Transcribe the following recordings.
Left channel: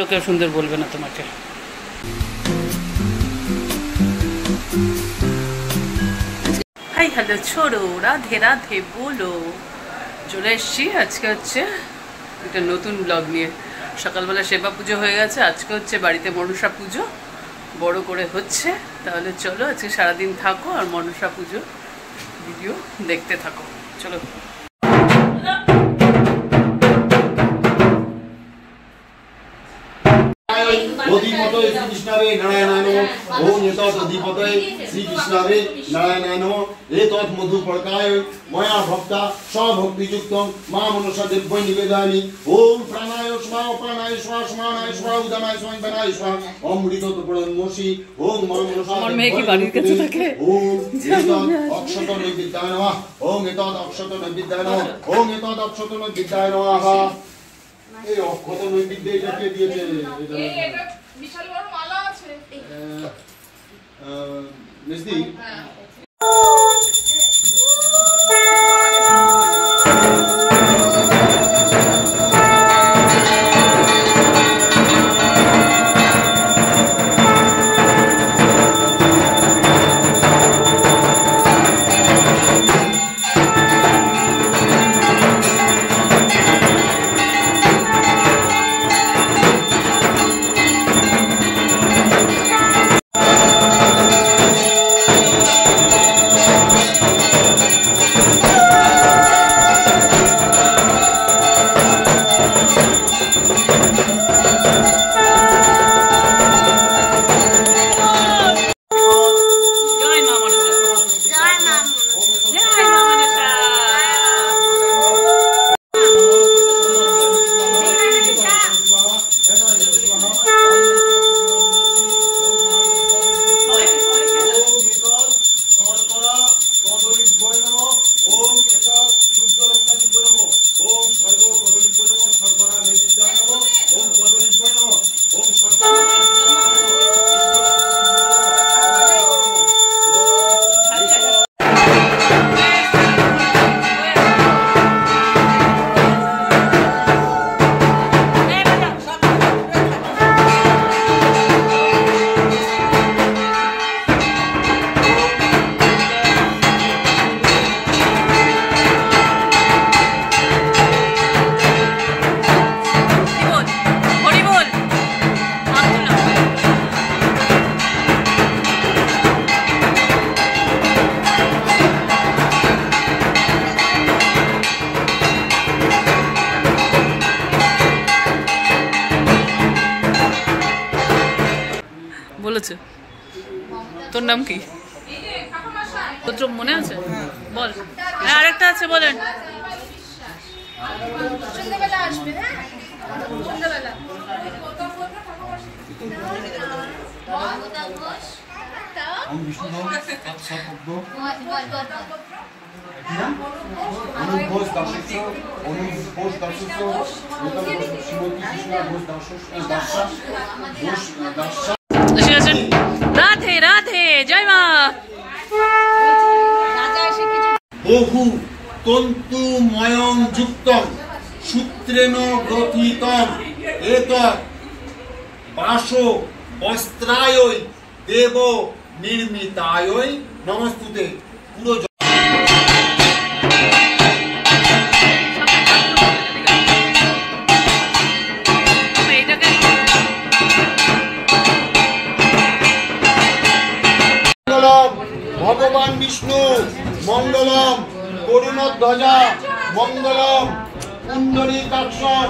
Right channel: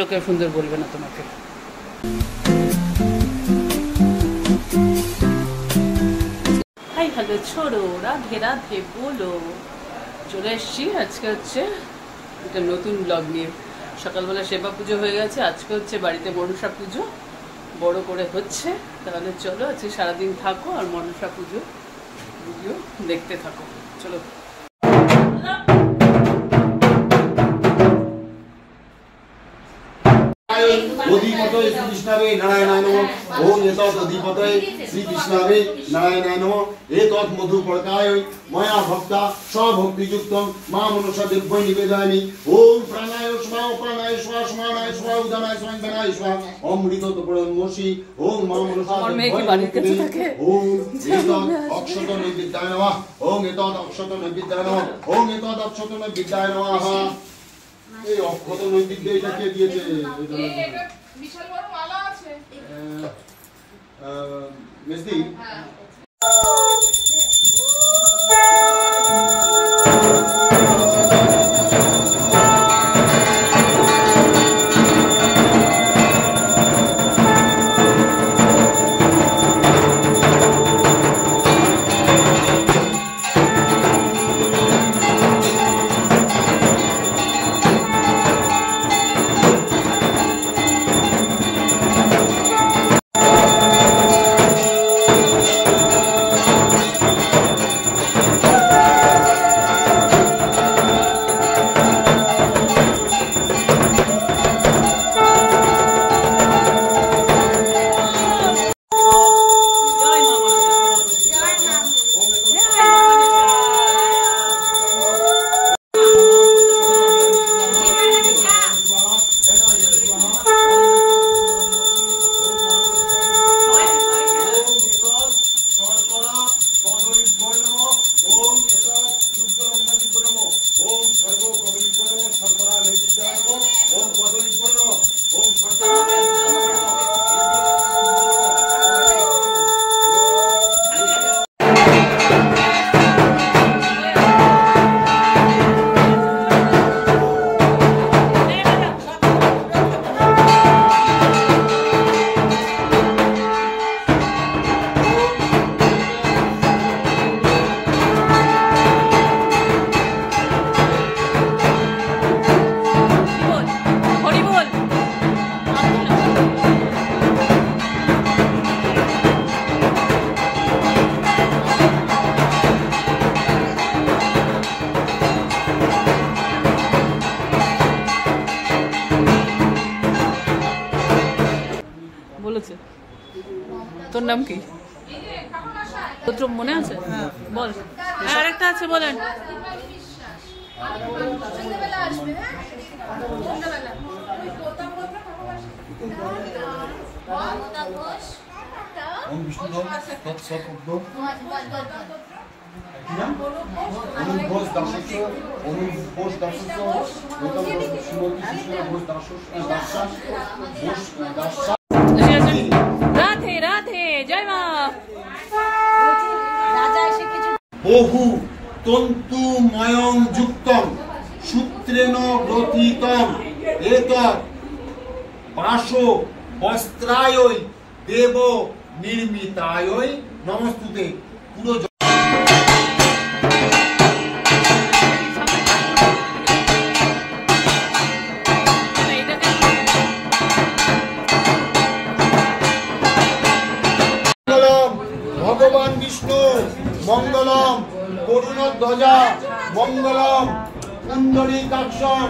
লোকেও সুন্দর বলবে না তোমাকে। হাই হ্যালো ছোড়ো, রাধে রাধে বলো। চলে এসছি আজকে হচ্ছে একটা নতুন ব্লগ নিয়ে। সকালবেলা সেবা পুজো হয়ে গেছে, আজকে হচ্ছে বাড়িতে মনসা পুজো বড় করে হচ্ছে। তাহলে চলো আজকে সারাদিন থাকো আর মনসা পুজো ভিডিও দেখতে থাকো। চলো। অধিপতয়ে শ্রীকৃষ্ণাবে নারায়ণায় নমঃ। ওম এতৎ অধিপতয়ে শ্রীকৃষ্ণাবে নারায়ণায় নমঃ। এতৎ মধুপর্কায় ময়া ভক্তা স্বভক্তিযুক্তং মা মনসা দেব্যৈ নিবেদয়ামি। ওম প্রাণায় স্বাহা প্রাণায় স্বাহা সমানায় স্বাহা উদানায় স্বাহা বেনায় স্বাহা অমৃত পরমসি। ওম মা মনসা ওম এতৎ অক্ষত নৈবেদ্যায় নমঃ। ওম এতৎ অক্ষত নৈবেদ্যায় নমঃ। ওম এতৎ অক্ষত নৈবেদ্যায় নমঃ। এই অক্ষত নৈবেদ্য এটা কে দিয়েছে? এটা বিশাল বড় মালা আছে মেসদি। বলেছে তোর নাম কি? তোর মনে আছে? বল। হ্যাঁ আরেকটা আছে, বলেন। রাধে রাধে, জয় মা। বহু তন্তুময়ং যুক্তং সূত্রেণ গ্রথিতং এতৎ বাসো বস্ত্রায় দেব নির্মিতায় নমস্তুতে। পুরো ভগবান বিষ্ণু মঙ্গলম করুণধ্বজা মঙ্গলম পুণ্ডরীকাক্ষং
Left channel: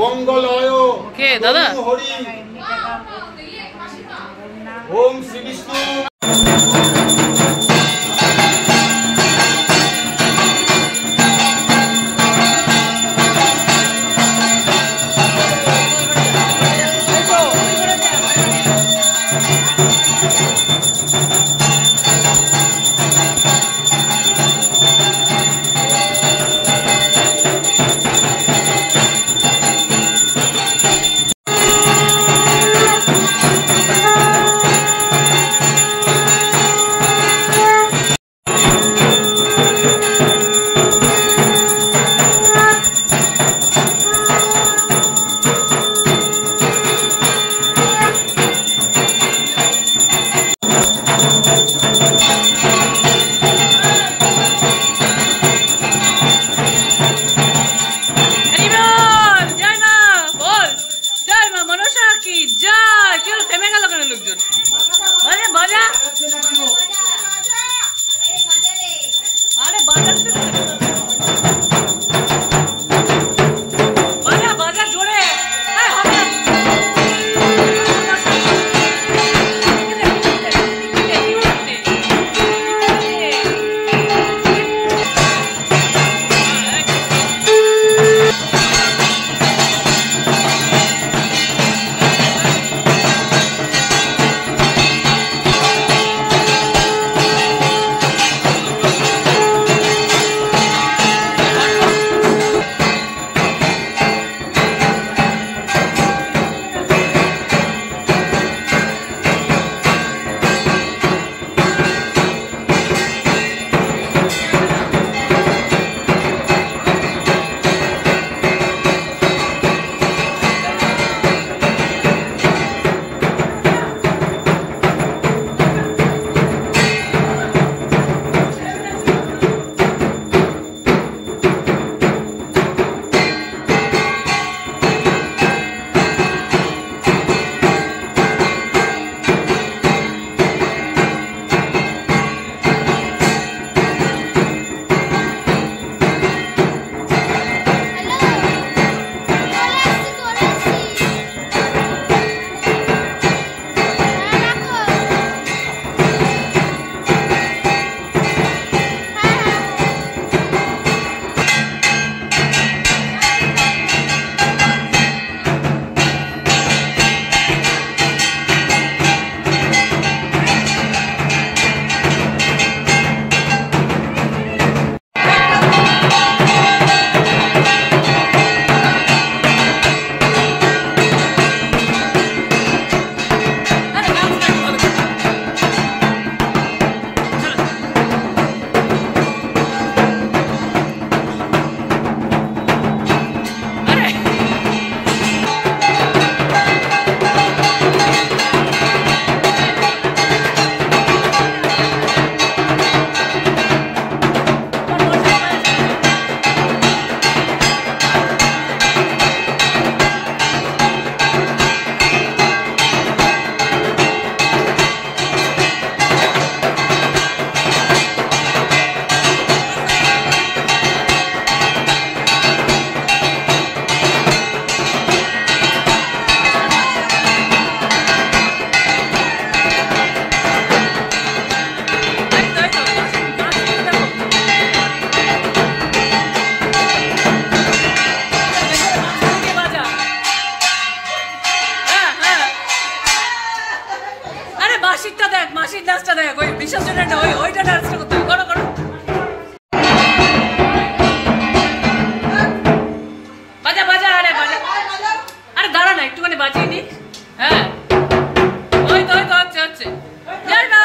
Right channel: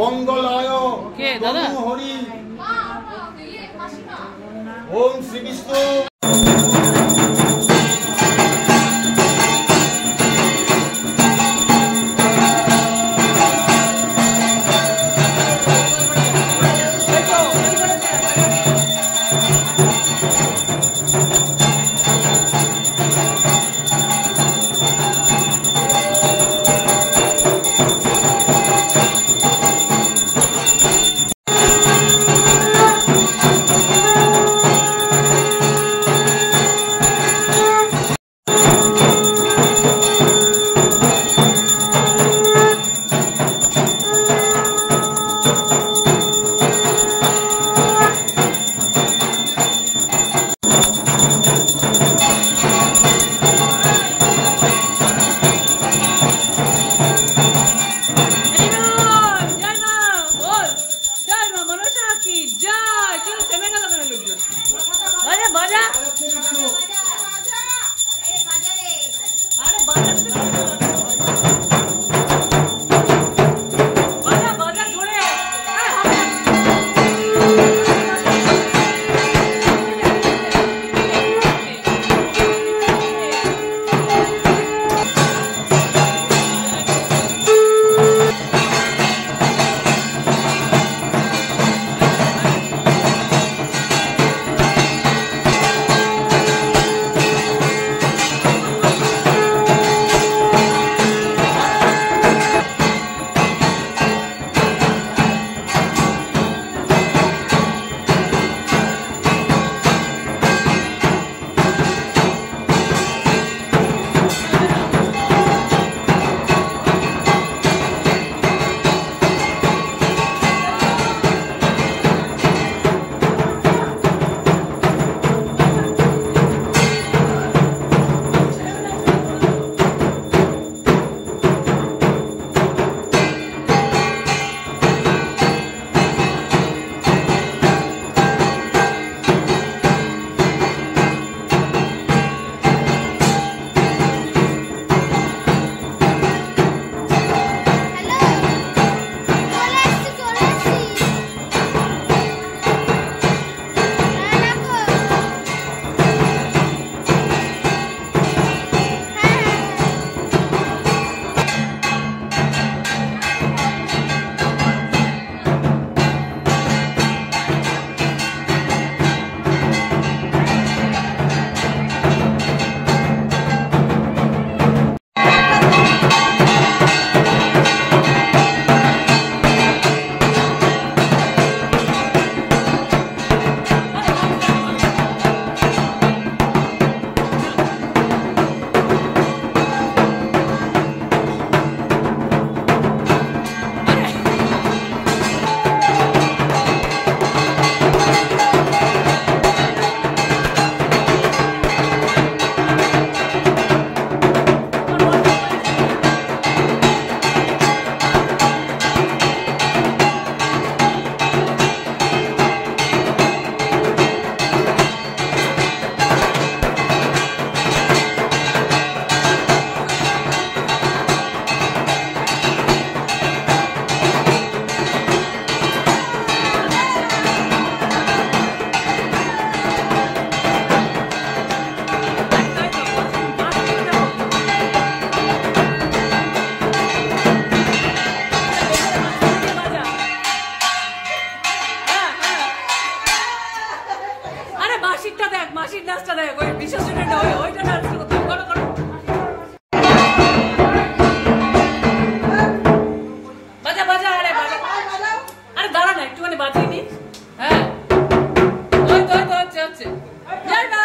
মঙ্গলায় কে দাদা? হরি ওম শ্রী বিষ্ণু। কি যায়, কেউ থেমে গেল কেন লোকজন? বাজা বাজা, আরে বাজা বাজা বাজা জোরে। মাসিরটা দেখ, মাসির ডান্সটা দেখ, ওই বিসর্জনের ওইটা ডান্সটা করতে হবে। করো করো, বাজা বাজা, আরে বাজা, আরে দাঁড়া না একটুখানি বাজিয়ে নি। হ্যাঁ ওই তো হচ্ছে হচ্ছে, জয় মা।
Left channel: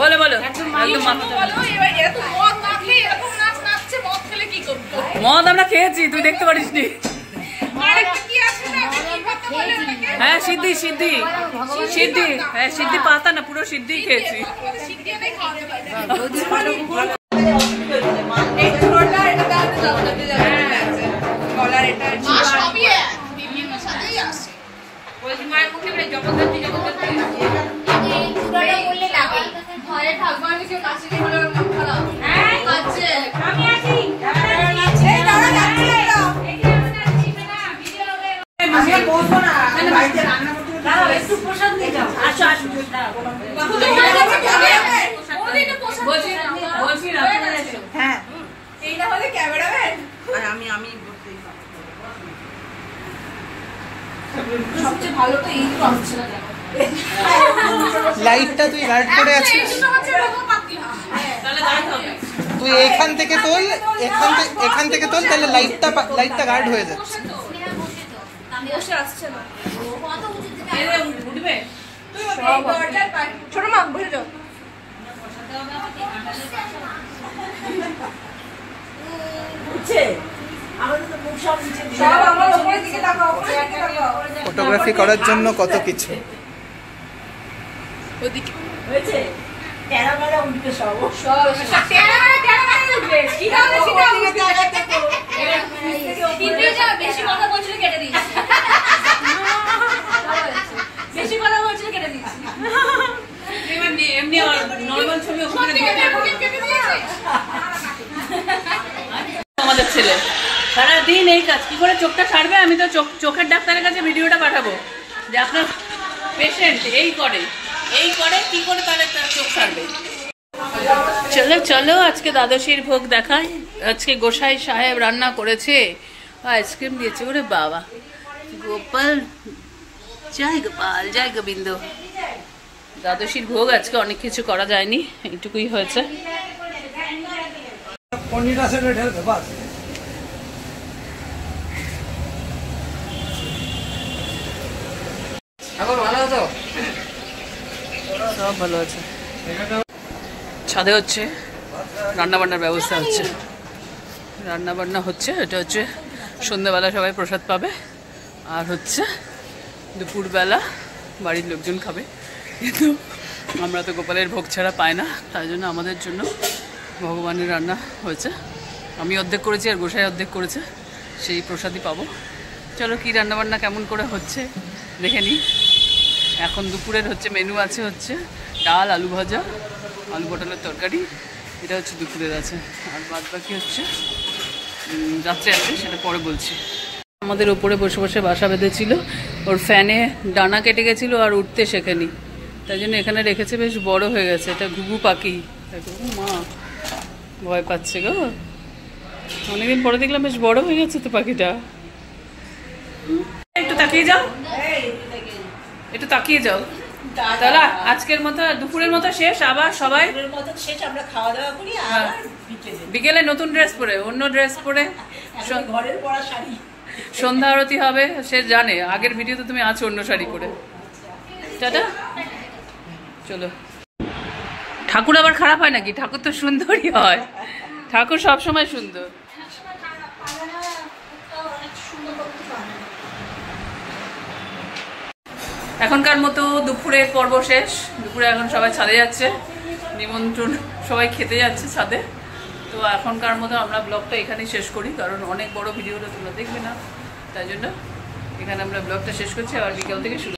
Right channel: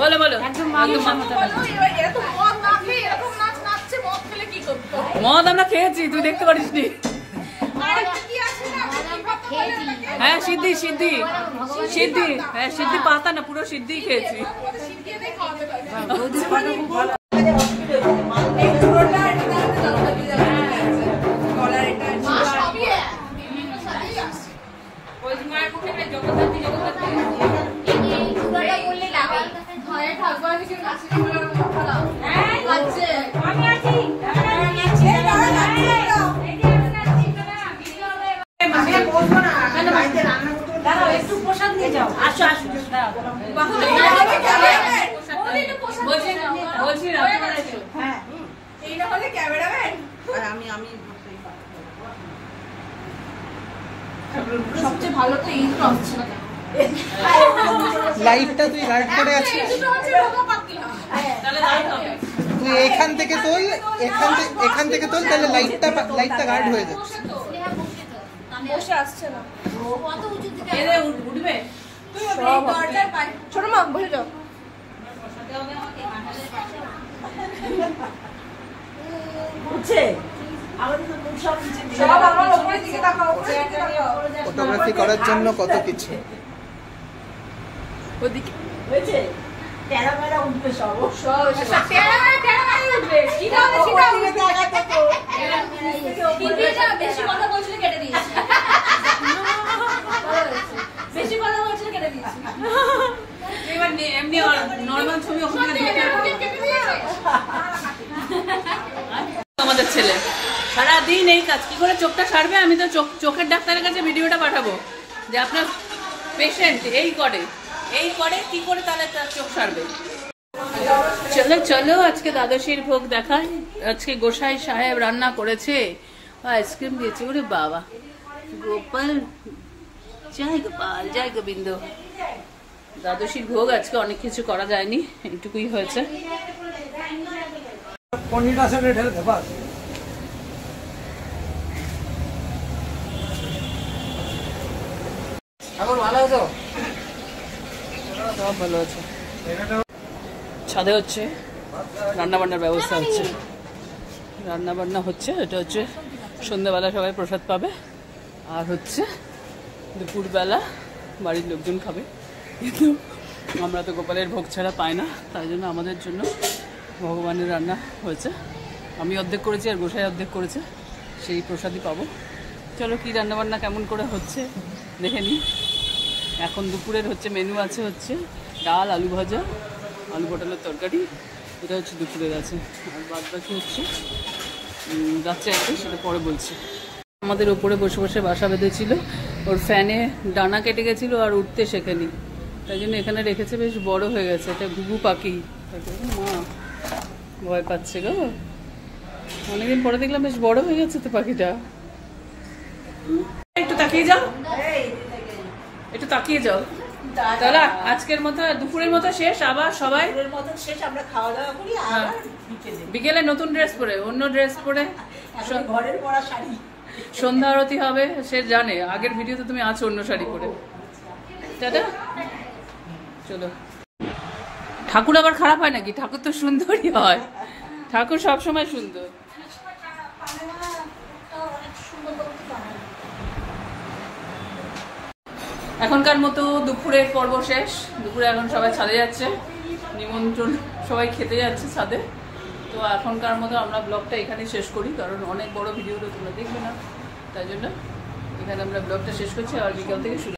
বলো বলো একদম মদ আমরা খেয়েছি, তুই দেখতে পারিস নি। হ্যাঁ সিদ্ধি সিদ্ধি সিদ্ধি, হ্যাঁ সিদ্ধি পাতা না, পুরো সিদ্ধি খেয়েছি। লাইটটা তুই গার্ড করে আছিস, তুই এখান থেকে তোল, এখান থেকে তোল, তাহলে লাইটটা গার্ড হয়ে যাচ্ছে। ছোট মা বসে যাও। ফটোগ্রাফি করার জন্য কত কিছু। আমাদের ছেলে সারাদিন এই কাজ, কি করে চোখটা সারবে? আমি তো চোখের ডাক্তারের কাছে ভিডিওটা পাঠাবো যে আপনার পেশেন্ট এই করে কি করে তাহলে তার চোখ সারবে। চলো চলো আজকে দ্বাদশীর ভোগ দেখায়। আজকে গোসাই সাহেব রান্না করেছে, আইসক্রিম দিয়েছে। ওরে বাবা, গোপাল জয় গোপাল জয় গোবিন্দ। দ্বাদশীর ভোগ আজকে অনেক কিছু করা যায়নি, এইটুকুই হয়েছে। পনির আছে ঢেলে বাস। এখন ভালো হতো, সব ভালো আছে। ছাদে হচ্ছে রান্না বান্নার ব্যবস্থা হচ্ছে, রান্না বান্না হচ্ছে। এটা হচ্ছে সন্ধ্যাবেলা সবাই প্রসাদ পাবে, আর হচ্ছে দুপুরবেলা বাড়ির লোকজন খাবে। কিন্তু আমরা তো গোপালের ভোগ ছাড়া পাই না, তাই জন্য আমাদের জন্য ভগবানের রান্না হয়েছে। আমি অর্ধেক করেছি আর গোসাই অর্ধেক করেছে, সেই প্রসাদই পাবো। চলো কি রান্নাবান্না কেমন করে হচ্ছে দেখে নিই। এখন দুপুরের হচ্ছে মেনু আছে হচ্ছে ডাল, আলু ভাজা, আলু পটলের তরকারি, এটা হচ্ছে দুপুরের আছে। আর বাদ বাকি হচ্ছে রাত্রে আছে, সেটা পরে বলছি। আমাদের ওপরে বসে বসে বাসা বেঁধেছিল, ওর ফ্যানে ডানা কেটে গেছিলো আর উঠতে শেখেনি, তাই জন্য এখানে রেখেছে। বেশ বড় হয়ে গেছে, এটা ঘুঘু পাখি। মা ভয় পাচ্ছে গো, অনেকদিন পরে দেখলাম বেশ বড় হয়ে গেছে তো পাখিটা। একটু তাকিয়ে যাও, একটু তাকিয়ে যাও। তাহলে আজকের মতো দুপুরের মতো শেষ, আবার সবাই আমরা খাওয়া দাওয়া করি, বিকেলে নতুন ড্রেস পরে, অন্য ড্রেস পরে ঘরের পরা শাড়ি, সন্ধ্যা আরতি হবে। সে জানে, আগের ভিডিওতে তুমি আছো অন্য শাড়ি পরে। টাটা, চলো। ঠাকুর আবার খারাপ হয় নাকি? ঠাকুর তো সুন্দরই হয়, ঠাকুর সবসময় সুন্দর। এখনকার মতো দুপুরের পর্ব শেষ। দুপুরে এখন সবাই ছাদে যাচ্ছে, নিমন্ত্রণ, সবাই খেতে যাচ্ছে ছাদে। তো এখনকার মতো আমরা ব্লগটা এখানেই শেষ করি, কারণ অনেক বড় ভিডিওটা তোমরা দেখবে না, তাই জন্য এখানে আমরা ব্লগটা শেষ করছি। আর বিকেল থেকে শুরু।